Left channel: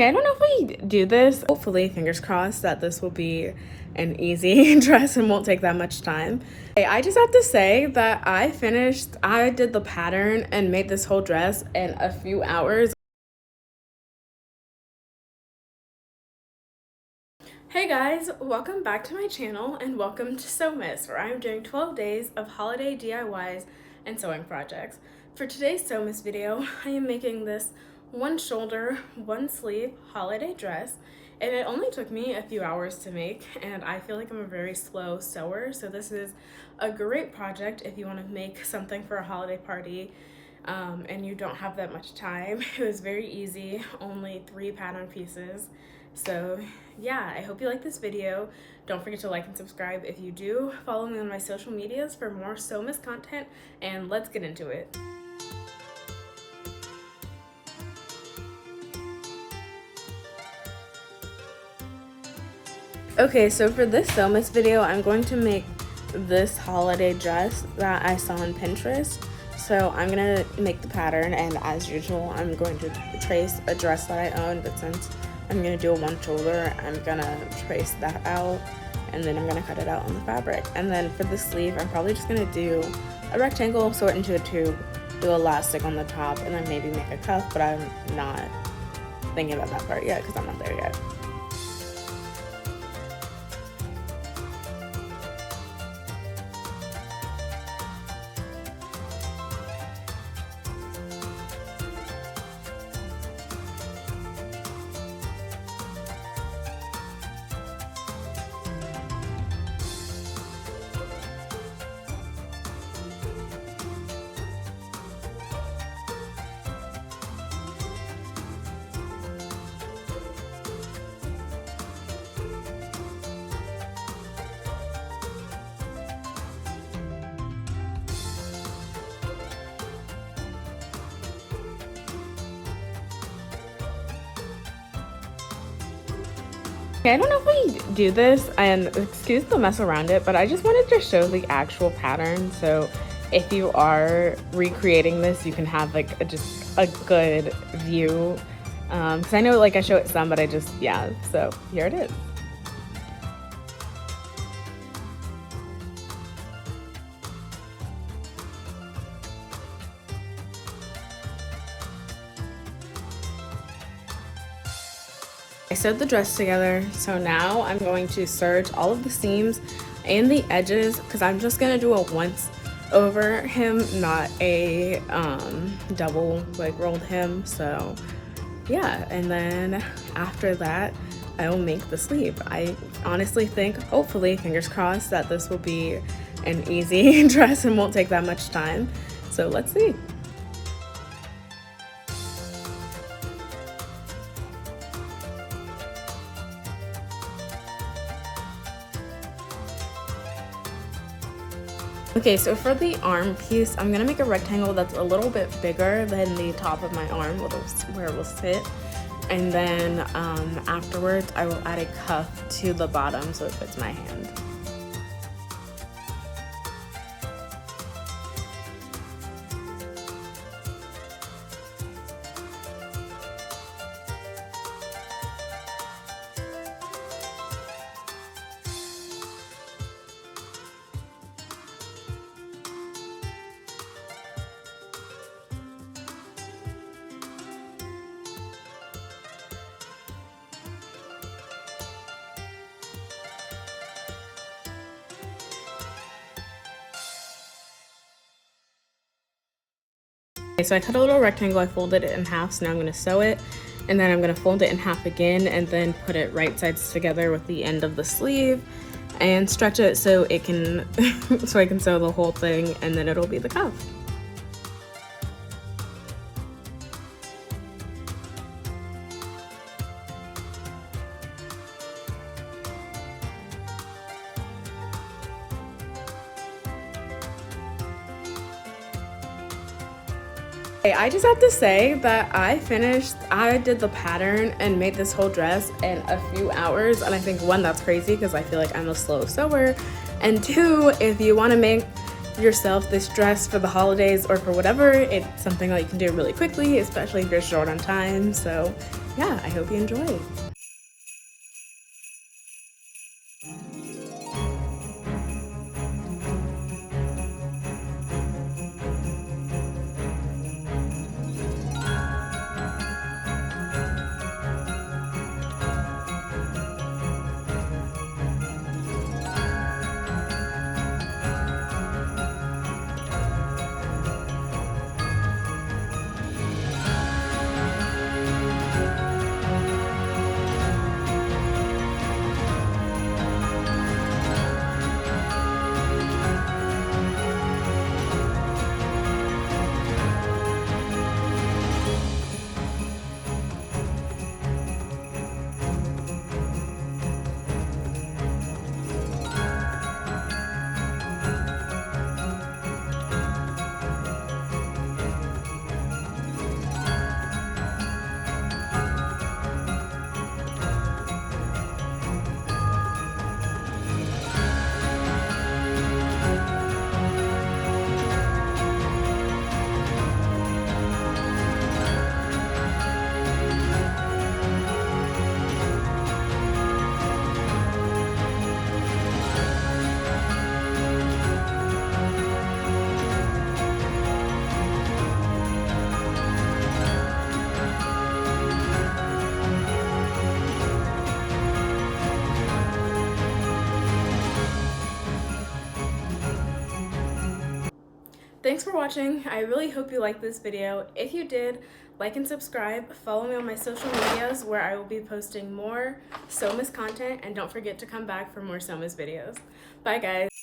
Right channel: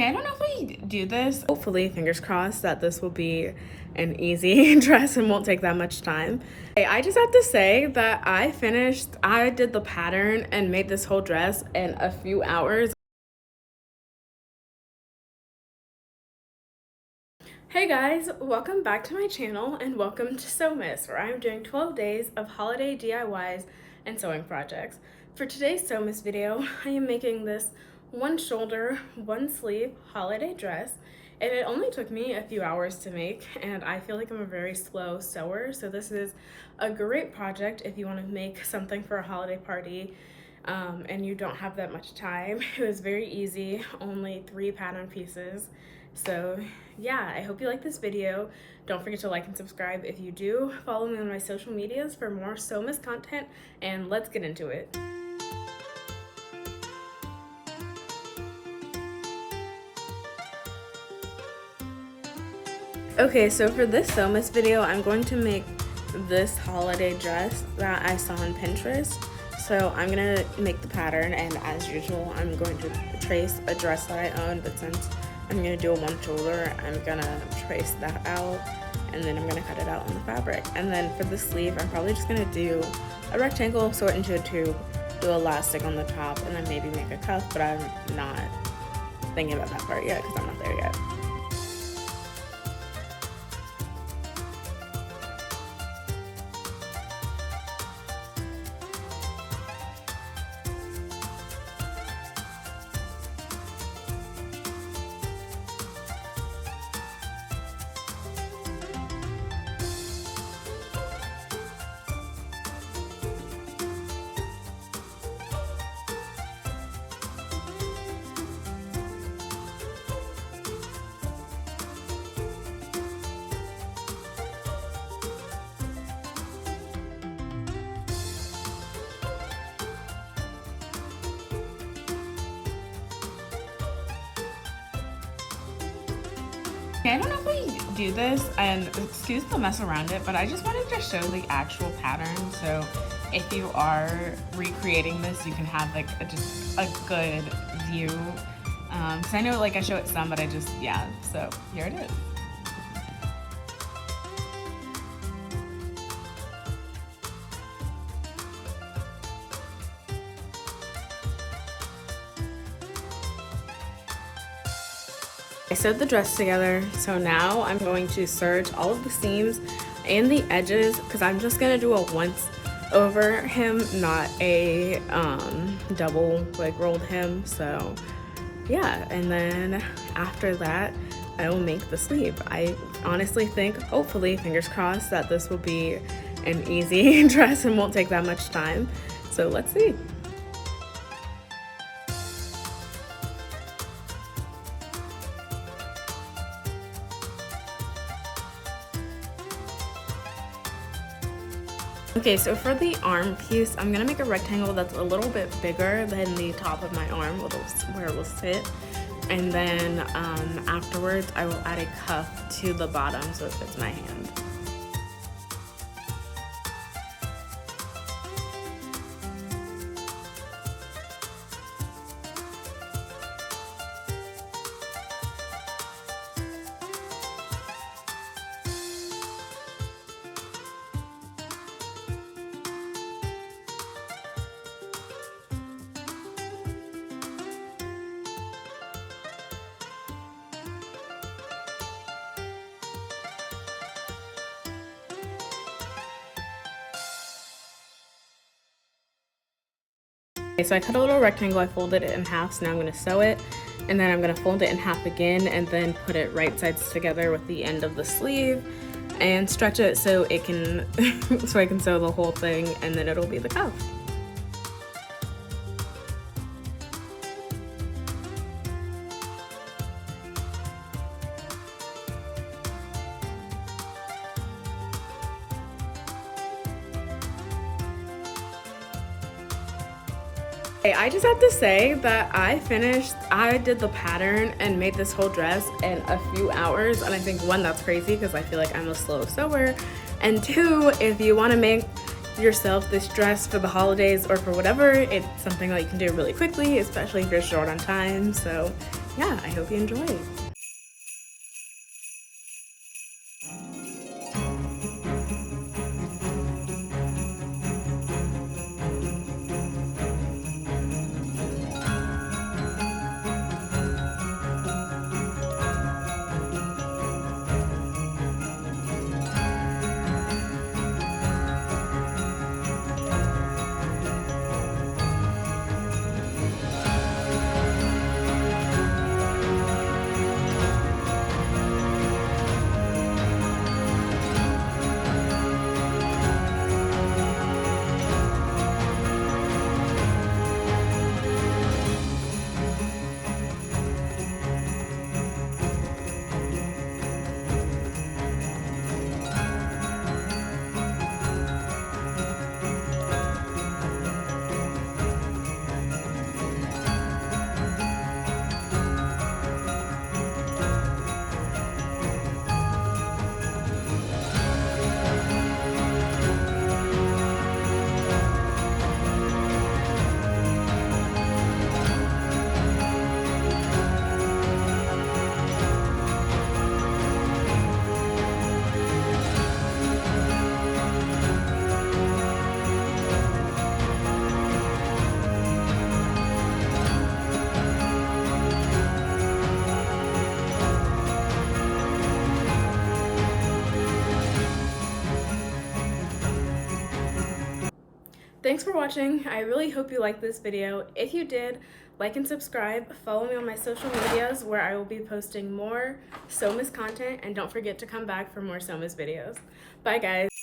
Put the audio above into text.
I don't know if we do this. Hopefully, fingers crossed, that this will be an easy dress and won't take that much time. I just have to say that I did the pattern and made this whole dress in a few hours. Hey guys, welcome back to my channel and welcome to Sewmas, where I'm doing 12 days of holiday DIYs and sewing projects. For today's Sewmas video, I am making this one shoulder, one sleeve holiday dress, and it only took me a few hours to make, and I feel like I'm a very slow sewer, so this is a great project if you want to make something for a holiday party and you don't have that much time. It was very easy, only 3 pattern pieces. So yeah, I hope you like this video. Don't forget to like and subscribe if you do. Follow me on my social medias for more Sewmas content, and let's get into it. Okay, so for this Sewmas video, I'm going to make this holiday dress that I saw on Pinterest. So I'm gonna make the pattern, and as usual, I'm going to trace a dress that I own, but since I'm gonna do a one shoulder, I'm gonna trace that out, and then I'm gonna cut it out on the fabric. And then for the sleeve, I'm probably just gonna do a rectangle, sew it into a tube, do elastic on the top, and then maybe make a cuff, but I'm not thinking about that part yet because I'm not there yet. I don't know if we do this, and excuse the mess around it, but I just wanted to show the actual pattern, so if you are recreating this, you can have like just a good view, because I know like I show it some, but yeah, so here it is. I sewed the dress together, so now I'm going to serge all of the seams and the edges because I'm just gonna do a once over hem, not a double like rolled hem. So yeah, and then after that I will make the sleeve. I honestly think, hopefully, fingers crossed, that this will be an easy dress and won't take that much time. So let's see. Okay, so for the arm piece, I'm gonna make a rectangle that's a little bit bigger than the top of my arm, where it will sit. And then afterwards, I will add a cuff to the bottom so it fits my hand. Okay, so I cut a little rectangle, I folded it in half, so now I'm going to sew it, and then I'm going to fold it in half again and then put it right sides together with the end of the sleeve and stretch it so it can so I can sew the whole thing, and then it'll be the cuff. I just have to say that I did the pattern and made this whole dress in a few hours, and I think, one, that's crazy because I feel like I'm a slow sewer, and two, if you want to make yourself this dress for the holidays or for whatever, it's something that you can do really quickly, especially if you're short on time. So yeah, I hope you enjoy. Thanks for watching. I really hope you liked this video. If you did, like and subscribe. Follow me on my social medias where I will be posting more Sewmas content, and don't forget to come back for more Sewmas videos. Bye guys.